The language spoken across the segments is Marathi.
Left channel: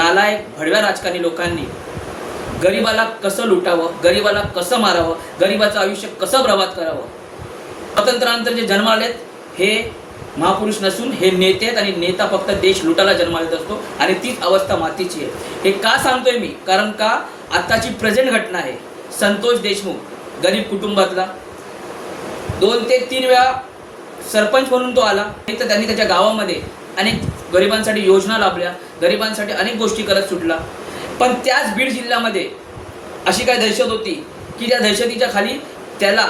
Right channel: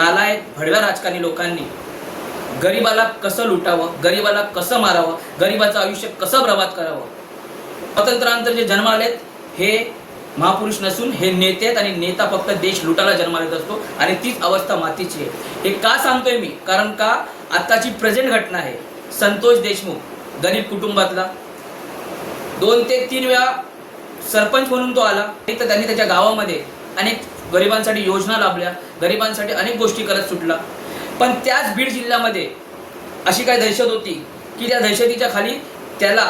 नालायक भडव्या राजकारणी लोकांनी गरिबाला कसं लुटावं, गरिबाला कसं मारावं, गरिबाचं आयुष्य कसं बर्बाद करावं. स्वातंत्र्यानंतर जे जन्म आलेत हे महापुरुष नसून हे नेते आहेत आणि नेता फक्त देश लुटायला जन्माला येत असतो आणि तीच अवस्था मातीची आहे. हे का सांगतोय मी? कारण का आत्ताची प्रेझेंट घटना आहे. संतोष देशमुख गरीब कुटुंबातला 2 ते 3 वेळा सरपंच म्हणून तो आला. तर त्यांनी त्याच्या गावामध्ये अनेक गरिबांसाठी योजना लाभल्या, गरिबांसाठी अनेक गोष्टी करत सुटला. पण त्याच बीड जिल्ह्यामध्ये अशी काही दहशत होती की त्या दहशतीच्या खाली त्याला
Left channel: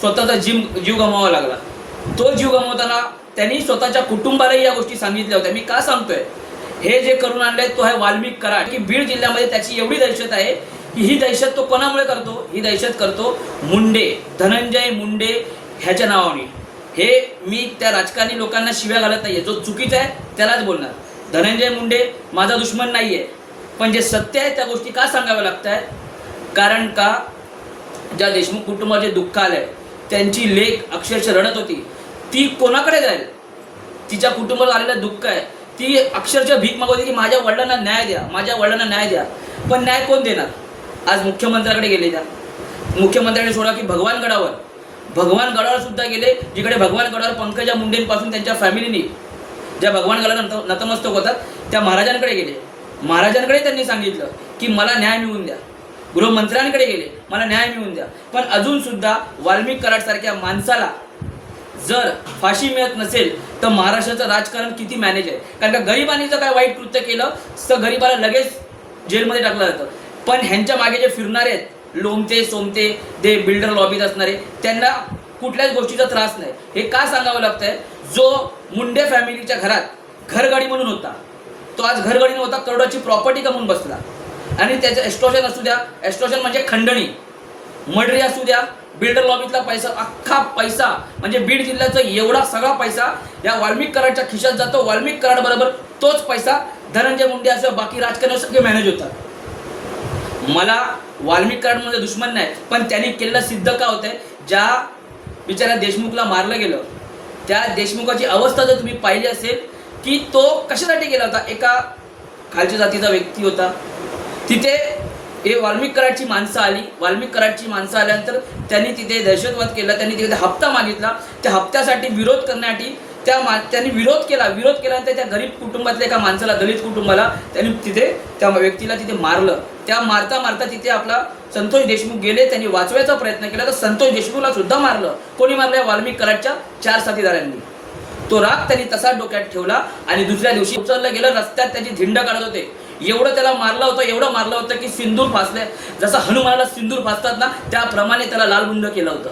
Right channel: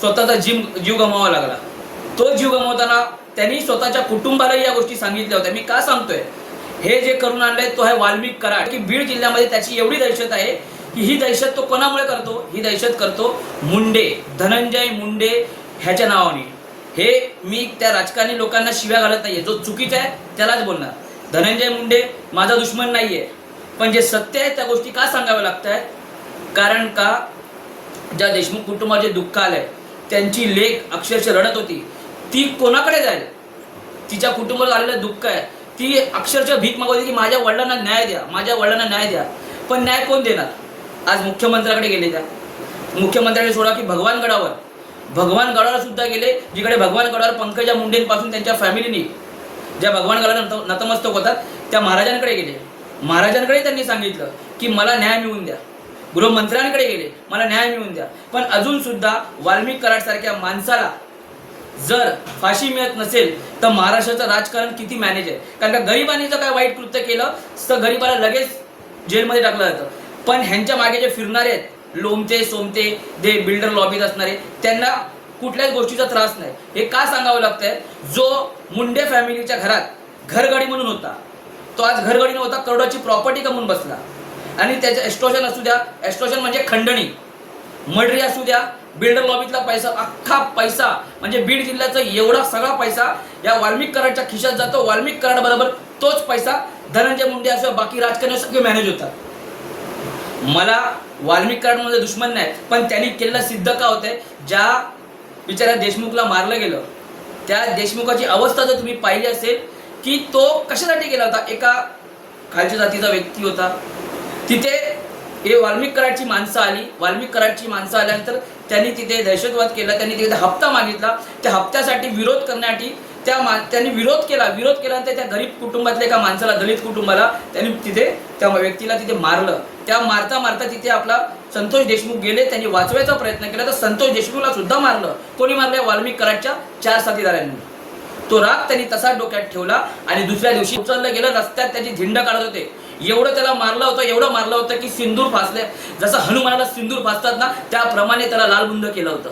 स्वतःचा जीव गमवावा लागला. तो जीव गमवताना त्यांनी स्वतःच्या कुटुंबालाही या गोष्टी सांगितल्या होत्या. मी का सांगतोय? हे जे करून आणले तो आहे वाल्मिक कराड. की बीड जिल्ह्यामध्ये त्याची एवढी दहशत आहे की ही दहशत तो कोणामुळे करतो? ही दहशत करतो मुंडे, धनंजय मुंडे ह्याच्या नावाने. हे मी त्या राजकारणी लोकांना शिव्या घालत नाहीये. जो चुकीचा आहे त्यालाच बोलणार. धनंजय मुंडे माझा दुश्मन नाहीये, पण जे सत्य आहे त्या गोष्टी का सांगाव्या लागत आहेत? कारण का ज्या देशमुख कुटुंबाचे दुःख आलंय, त्यांची लेक अक्षरशः रडत होती. ती कोणाकडे जाईल? तिच्या कुटुंबाला आलेलं दुःख आहे. ती अक्षरशः भीक मागत होती की माझ्या वडिलांना न्याय द्या, माझ्या वडिलांना न्याय द्या. पण न्याय कोण देणार? आज मुख्यमंत्र्याकडे गेले. त्या मुख्यमंत्र्यांनी सोडा की भगवानगडावर सुद्धा गेले, जिकडे भगवानगडावर पंकजा मुंडेंपासून त्यांच्या फॅमिलीनी ज्या भगवानगडावर नतमस्तक होतात त्या महाराजांकडे गेले. महाराजांकडे त्यांनी सांगितलं की मला न्याय मिळवून द्या. गृहमंत्र्यांकडे गेले, मला न्याय मिळवून द्या. पण अजून सुद्धा वाल्मिक कराड सारख्या माणसाला जर फाशी मिळत नसेल तर महाराष्ट्राचं राजकारण किती मॅनेज आहे? कारण का गरिबांनी जर काय वाईट कृत्य केलं तर गरिबाला लगेच जेलमध्ये टाकलं जातं. पण ह्यांच्या मागे जे फिरणारे आहेत, लोमते सोमते, जे बिल्डर लॉबीत असणारे, त्यांना कुठल्याच गोष्टीचा त्रास नाही. हे का सांगावं लागतंय? जो मुंडे फॅमिलीच्या घरात घरगाडी म्हणून होता, तो आज घरगाडी नव्हता, करोडाची प्रॉपर्टी कमवून बसला. आणि त्याचं एस्ट्रॉशन असू द्या, एस्ट्रॉशन म्हणजे खंडणी, मर्डरी असू द्या, बिल्डर लॉबीतला पैसा, अख्खा पैसा म्हणजे बीड जिल्ह्याचा एवढा सगळा पैसा या वाल्मिक कराडच्या खिशात जातो. वाल्मिक कराड बरोबर तोच पैसा धनंजय मुंडे असं बाकी राजकारणी सगळे मॅनेज होतात. मला वाल्मिक कराडमध्ये दुश्मन नाही, पण त्यांनी केलेलं सिद्ध का होतंय? ज्या बिचाऱ्या देशमुखला मारलं गेलं, त्या देशमुखाची अवस्था जर तुम्ही पाहिली असेल की तो कशासाठी गेला होता? एका खालच्या जातीचा व्यक्ती होता. तिथे हे वाल्मिक कराडची माणसं आली. वाल्मिक कराडची माणसं आल्यानंतर त्यांनी तिथे दहशतवाद केला. त्यांनी तिथे हप्ता मागितला. त्या हप्त्यासाठी विरोध करण्यासाठी त्यांनी विरोध केल्यानंतर त्या गरीब कुटुंबातल्या एका माणसाला, दलित कुटुंबाला त्यांनी तिथे त्या व्यक्तीला तिथे मारलं. त्या मारता तिथे आपला संतोष देशमुख गेले. त्यांनी वाचवायचा प्रयत्न केला तर संतोष देशमुखला सुद्धा मारलं. कोणी मारलं? वाल्मिक कराडच्या 4 साथीदारांनी. तो राग त्यांनी तसाच डोक्यात ठेवला आणि दुसऱ्या दिवशी उचललं गेलं. रस्त्यात त्याची धिंड काढत होते. एवढं त्याला मारलं होतं की सिंदूर फासले, जसं हनुमानाला सिंदूर फासतात ना, त्याप्रमाणे त्याला लालबुंद केलं होतं.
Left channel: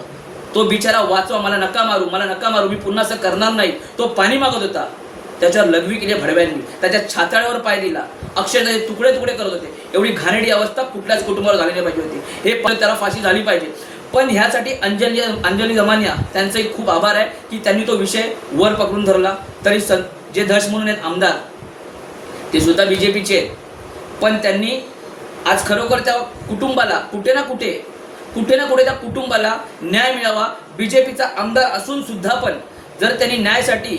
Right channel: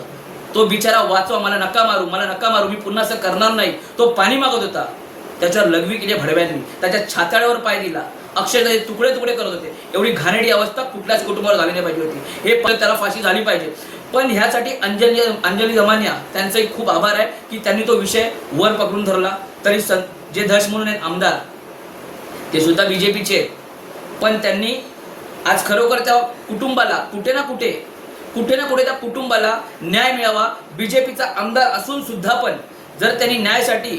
तो बिचारा वाचवा, मला नका मारू, मी पुन्हा असं करणार नाही. तो पाणी मागत होता. त्याच्यावर लघवी केली भडव्यांनी, त्याच्या छात्यावर पाय दिला, अक्षरशः तुकडे करत होते. एवढी घाणेरडी अवस्था कुठल्याच कुटुंबावर झाली नाही पाहिजे होती. हे पण त्याला फाशी झाली पाहिजे. पण ह्यासाठी अंजली दमानिया त्यांचे खूप आभार आहे की त्यांनी तो विषय वर पकडून धरला. तरी जे धर्ष म्हणून आहेत आमदार, ते सुद्धा बीजेपीचे आहेत. पण त्यांनी आज खरोखर त्या कुटुंबाला कुठे ना कुठे त्या कुटुंबाला न्याय मिळावा. बीजेपीचा आमदार असून सुद्धा पण जर त्यांनी न्यायासाठी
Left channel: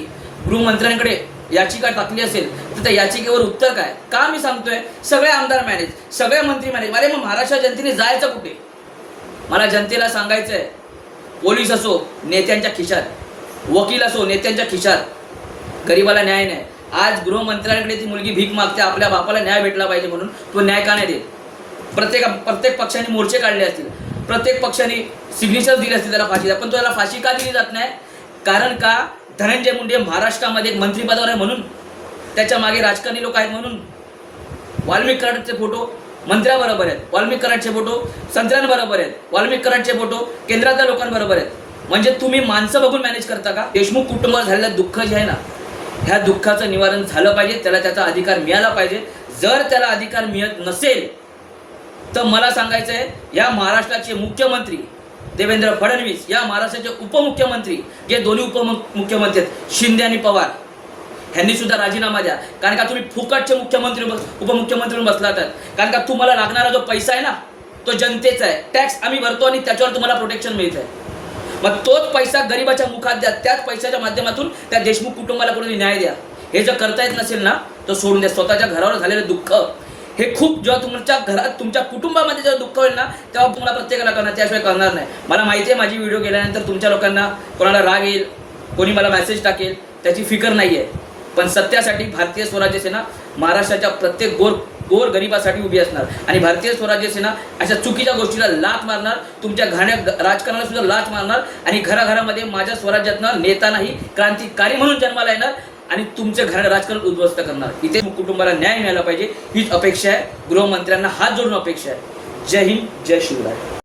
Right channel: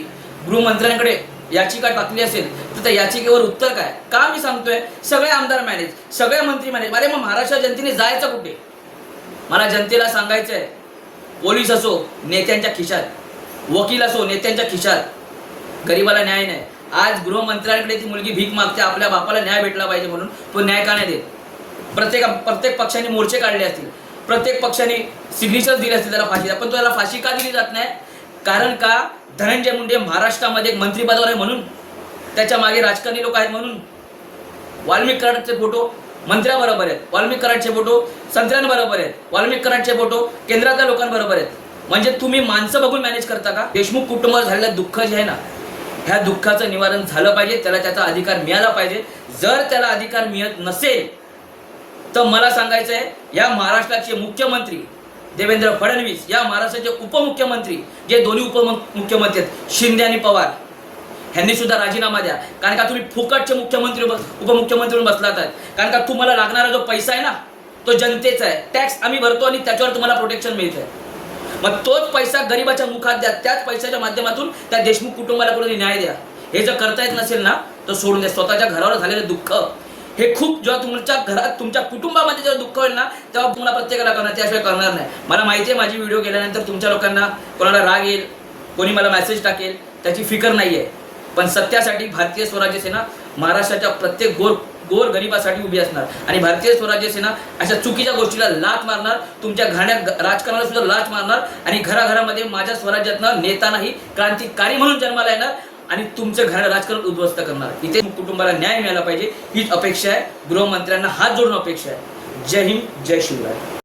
गृहमंत्र्यांकडे याचिका टाकली असेल तर त्या याचिकेवर उत्तर काय? का मी सांगतोय? सगळे आमदार मॅनेज, सगळे मंत्री मॅनेज. अरे मग महाराष्ट्र जनतेने जायचं कुठे? मला जनतेला सांगायचंय, पोलीस असो नेत्यांच्या खिशात, वकील असो नेत्यांच्या खिशात, गरिबाला न्याय नाही. आज गृहमंत्र्यांकडे ती मुलगी भीक मागते आपल्या बापाला न्याय भेटला पाहिजे म्हणून. तो न्याय का नाही देत? प्रत्येक पक्षाने मोर्चे काढले असतील, प्रत्येक पक्षाने सिग्नेचर दिले असतील त्याला फाशी, पण त्याला फाशी का दिली जात नाही? कारण का धनंजय मुंडे महाराष्ट्रामध्ये मंत्रिपदावर आहे म्हणून, त्याच्या मागे राजकारणी लोक आहेत म्हणून. वाल्मिक कराडचे फोटो मंत्र्याबरोबर आहेत, वाल्मिक कराडचे फोटो संत्र्यांबरोबर आहेत, वाल्मिक कराडचे फोटो केंद्रातल्या लोकांबरोबर आहेत. म्हणजे तुम्ही माणसं बघून मॅनेज करता का? देशमुख कुटुंबावर झालेलं दुःख जे आहे ना, ह्या दुःखाचं निवारण झालं पाहिजे. त्याला त्याचा अधिकार मिळाला पाहिजे. जर त्याला अधिकार मिळत नसेल तर मला सांगायचं आहे, या महाराष्ट्राचे मुख्यमंत्री देवेंद्र फडणवीस, या महाराष्ट्राचे उपमुख्यमंत्री, जे दोन्ही उपमुख्यमंत्री आहेत शिंदे आणि पवार, ह्यांनी सुद्धा राजीनामा द्या. कारण का तुम्ही फुकटचे उपमुख्यमंत्री बसलात. कारण का तुम्हाला लागणारा जो पैसा आहे ना, तो जनतेचा आहे. टॅक्स आम्ही भरतो आणि त्याच्यावर तुम्हाला प्रोटेक्शन मिळतंय. मग तोच पैसा गरिबाच्या मुखात द्या. त्याच पैशाच्या माध्यमातून त्या देशमुख कुटुंबाला कोणी न्याय द्या. हे जर करता येत नसेल ना तर सोडून द्या. स्वतःच्या घरावर झालेलं दुःख हे खूप, जेव्हा तुमच्या घरात तुमच्या कुटुंबामध्ये जेव्हा दुःख होईल ना तेव्हा तुम्हाला प्रत्येकाला करणार, त्याशिवाय करणार नाही. मला माहिती आहे माझी व्हिडिओ गेल्यानंतर तुमच्या लोकांना कोणाला राग येईल, कोणी मला मेसेज टाकेल, त्याची फिकर नाही आहे. पण सत्यासाठी भारतीय स्वराज्य सेना महाराष्ट्राच्या प्रत्येक गोर गरिबासाठी उभी असणार आणि भारतीय स्वराज्य सेना अशा चुकीच्या गोष्टीला लाथ मारणार, तुमच्या राजकारणाला सुद्धा लाथ मारणार आणि घराघरामध्ये माझ्या स्वराज्यातनं नेता नाही क्रांतिकारी म्हणून जन्माला येणार आणि तुमचे घर राजकारण उद्ध्वस्त करणार. इथे कुटुंबाला न्याय मिळाला पाहिजे हीच अपेक्षा आहे. गृहमंत्र्यांना हात जोडून अपेक्षा आहे. जय हिंद, जय शिवराय.